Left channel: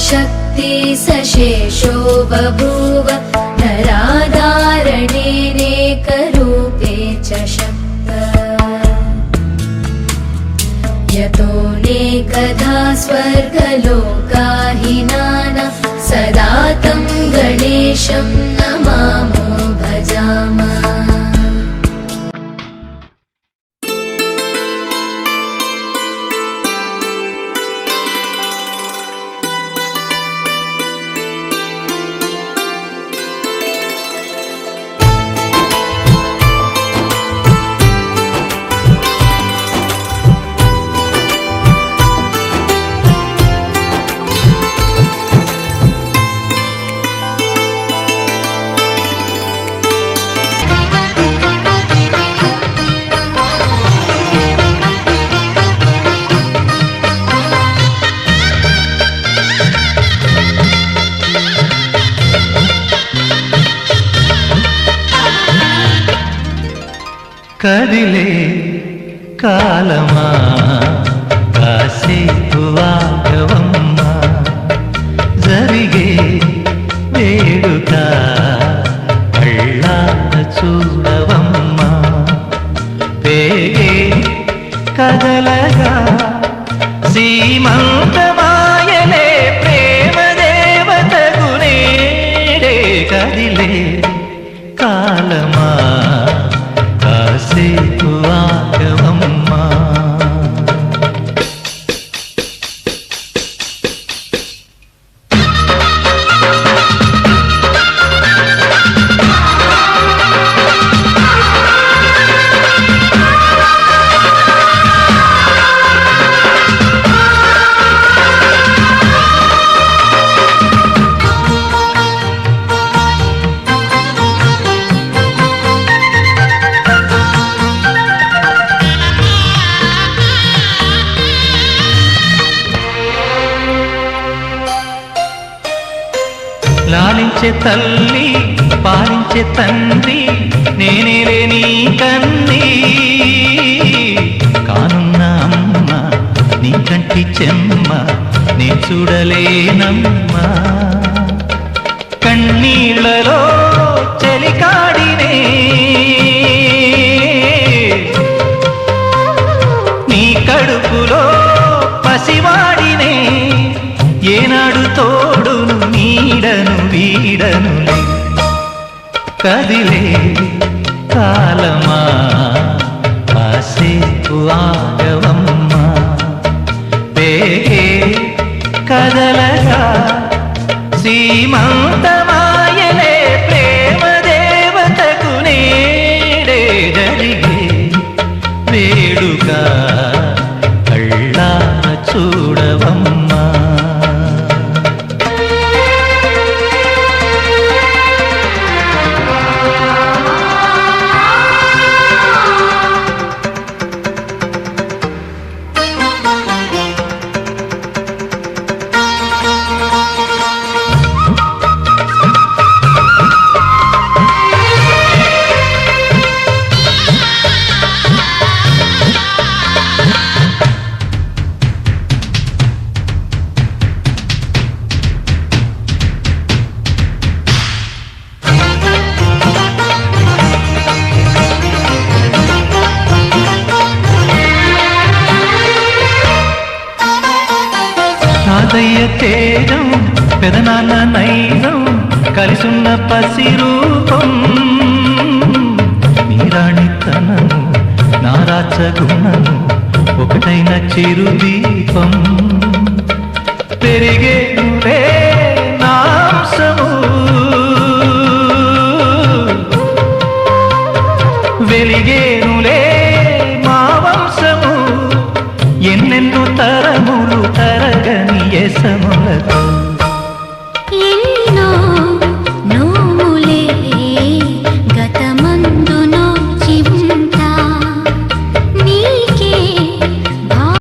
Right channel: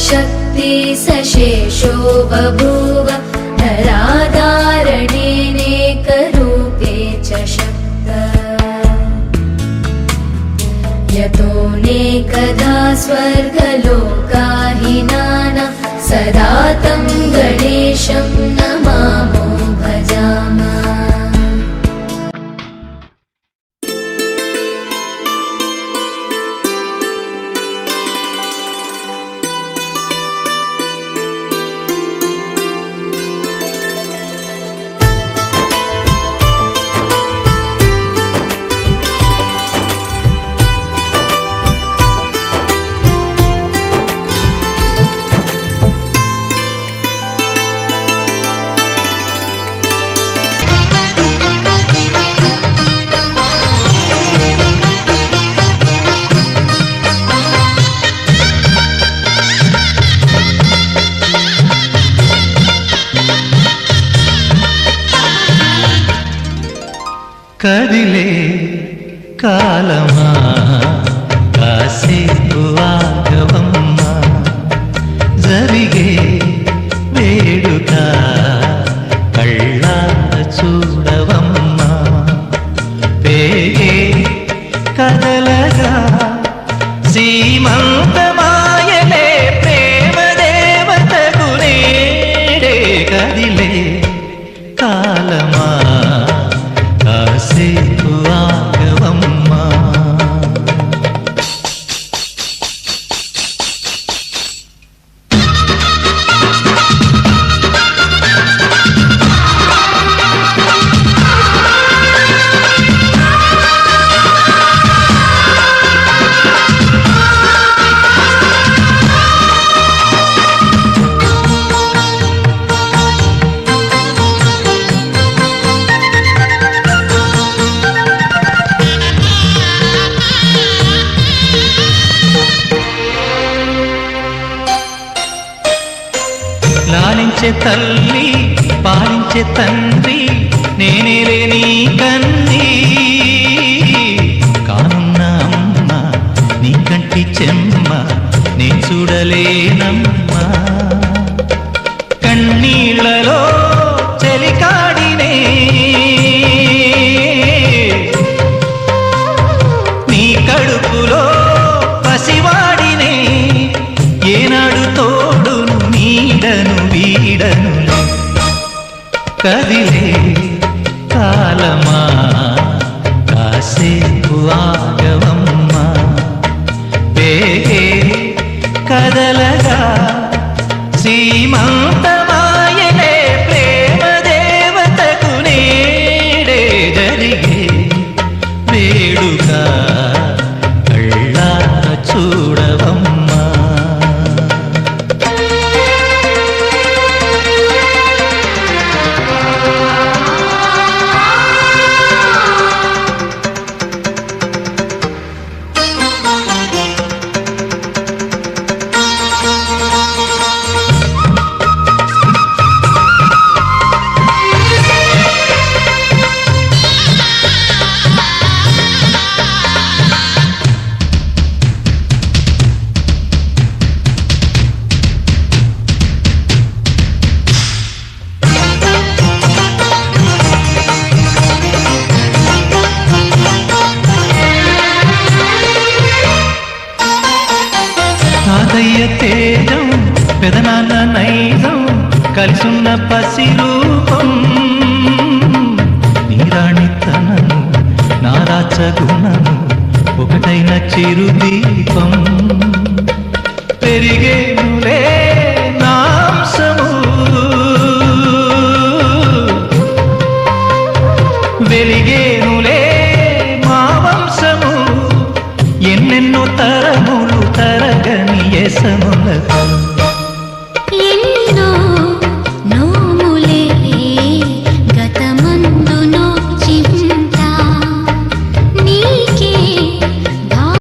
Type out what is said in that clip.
शक्ति सशेषो बभूव नराधारणेनेकरूपे च शक्त यतोऽनेकधा स्वर्गलोकाहिनाना सदा तं गणेशं नमामो भजामः। కదిలే కాలమా కాసేపు ఆగవమ్మా జరిగే వేడుక కళ్ళార చూడవమ్మా పేగే కదలగా సీమంతమాయలే ప్రేమ దేవతకు నేడే కదిలే కాలమా కాసేపు ఆగవమ్మా లాలించే తల్లి పాలించే తండ్రి నేనేలే నీ కన్ని కానున్న అమ్మ నీ కంటి చెమ్మ నే చూడలేనమ్మా కన్నీళ్లలో చెలికాడినే నీ కడుపులో పసివాడినే ఏనాడు తోడును నీడను వీడను కదిలే కాలమా కాసేపు ఆగవమ్మా పేగే కదలగా సీమంతమాయలే ప్రేమ దేవతకు నేడే జరిగే వేడుక కళ్ళార చూడవమ్మా తాతయ్య తేజం పెదనాన్న నైజం కలిసున్న పసి రూపం నీరాణితనము నారాచ గుణము ఒకటైన చిరుదీపం పెరిగే నాంసము వెలిగేనులే మా వంశము ఎన్నెన్నో తరములు తరగని యసములతో